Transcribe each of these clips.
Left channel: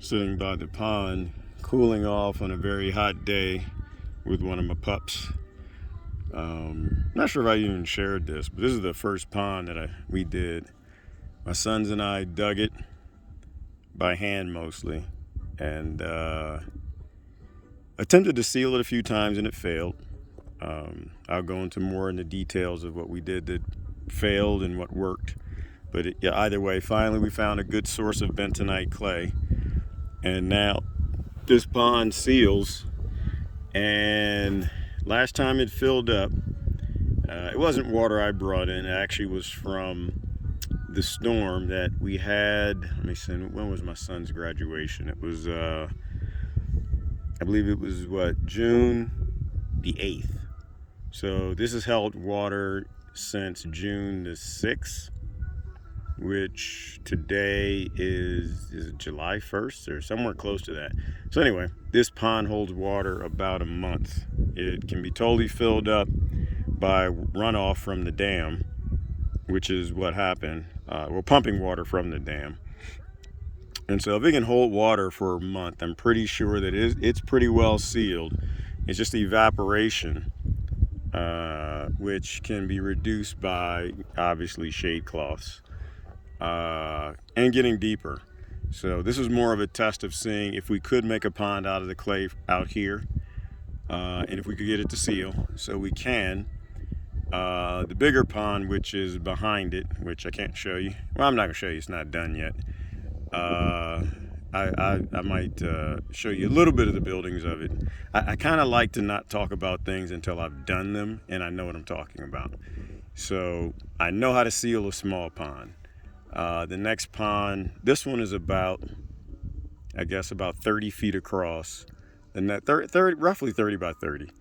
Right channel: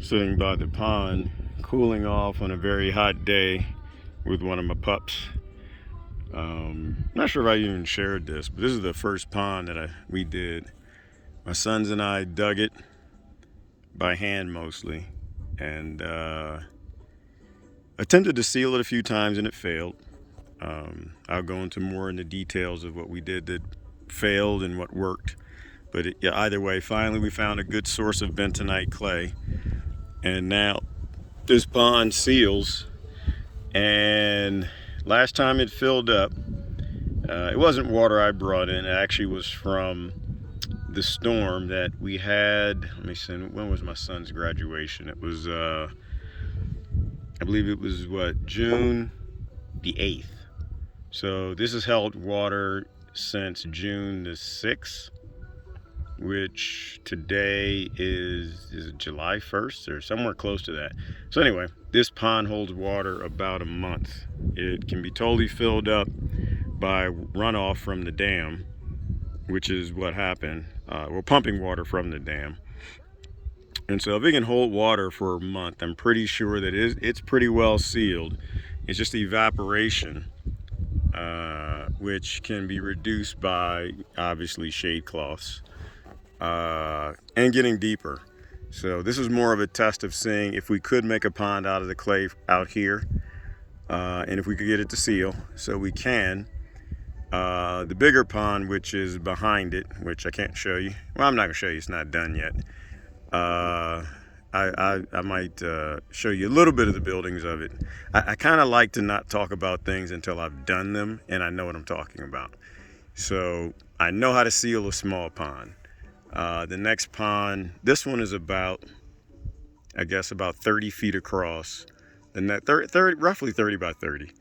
sitting by the pond, cooling off on a very hot day with one of my pups. Not sure if I even shared this, but this is the first pond that we did. My sons and I dug it by hand mostly, and attempted to seal it a few times and it failed. I'll go into more in the details of what we did that failed and what worked. But either way, finally we found a good source of bentonite clay. And now this pond seals. And last time it filled up, it wasn't water I brought in. It actually was from the storm that we had. Let me see, when was my son's graduation? It was, I believe it was June the 8th. So this has held water since June the 6th, which today is it July 1st or somewhere close to that. So anyway, this pond holds water about a month. It can be totally filled up by runoff from the dam, which is what happened. We're pumping water from the dam. And so if it can hold water for a month, I'm pretty sure that it's pretty well sealed. It's just the evaporation, which can be reduced by obviously shade cloths and getting deeper. So this is more of a test of seeing if we could make a pond out of the clay out here, and if we could get it to seal. So we can. The bigger pond, which is behind it, which I can't show you. Well, I'm not gonna show you, it's not done yet. I might show you a little bit of the buildings of it. I kind of like to not talk about things until I've done them and I know what I'm talking about. So I know how to seal a small pond. The next pond, this one is about, I guess, about 30 feet across. The net, roughly 30 by 30.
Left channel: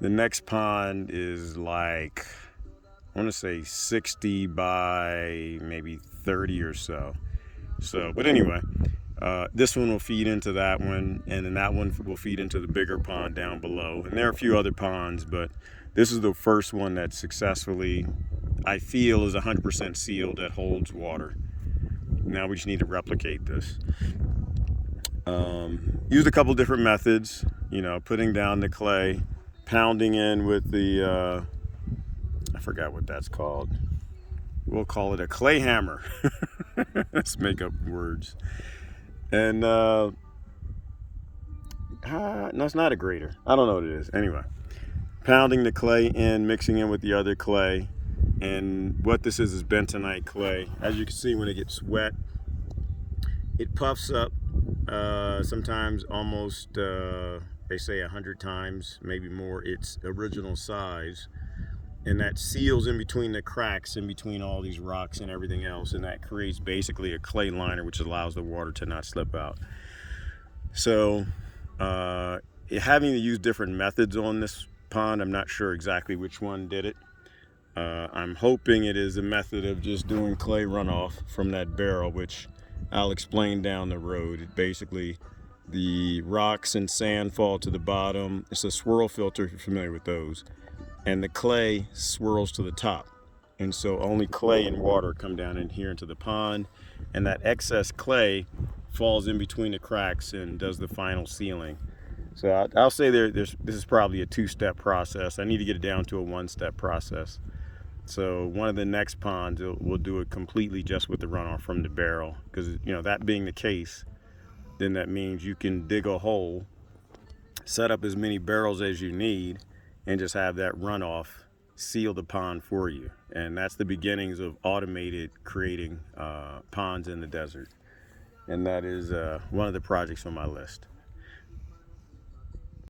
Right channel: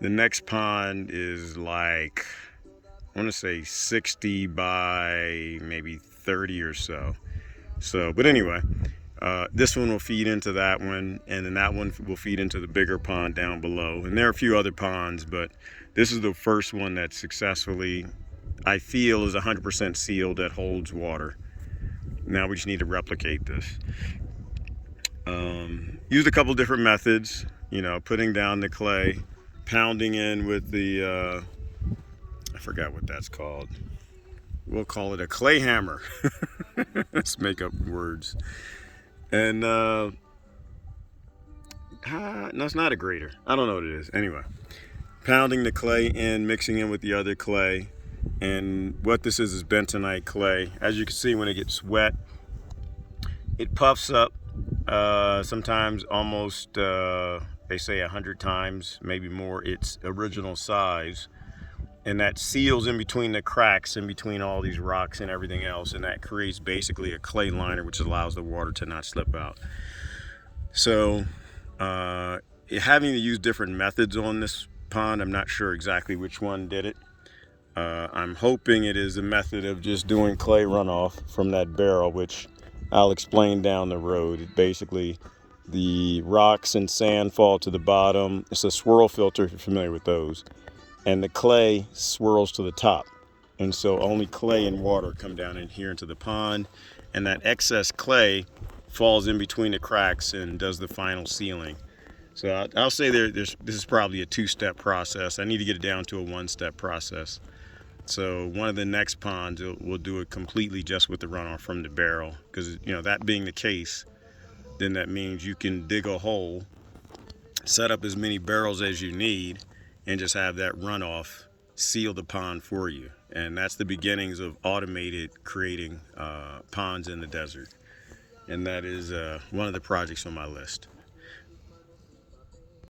The next pond is like, I want to say 60 by maybe 30 or so. But anyway, this one will feed into that one, and then that one will feed into the bigger pond down below. And there are a few other ponds, but this is the first one that successfully, I feel, is 100% sealed, that holds water. Now we just need to replicate this. Used a couple different methods, putting down the clay, pounding in with the, I forgot what that's called. We'll call it a clay hammer. Let's make up words. And no, it's not a grater. I don't know what it is. Anyway, pounding the clay in, mixing in with the other clay. And what this is bentonite clay. As you can see, when it gets wet, it puffs up, sometimes almost, they say 100 times, maybe more, its original size. And that seals in between the cracks, in between all these rocks and everything else. And that creates basically a clay liner, which allows the water to not slip out. So having to use different methods on this pond, I'm not sure exactly which one did it. I'm hoping it is a method of just doing clay runoff from that barrel, which I'll explain down the road. Basically, the rocks and sand fall to the bottom. It's a swirl filter, if you're familiar with those. And the clay swirls to the top. And so only clay and water come down in here into the pond. And that excess clay falls in between the cracks and does the final sealing. So I'll say this is probably a two-step process. I need to get it down to a one-step process. So one of the next ponds, we'll do it completely just with the runoff from the barrel. Because, that being the case, then that means you can dig a hole, set up as many barrels as you need, and just have that runoff seal the pond for you. And that's the beginnings of automated creating ponds in the desert. And that is one of the projects on my list.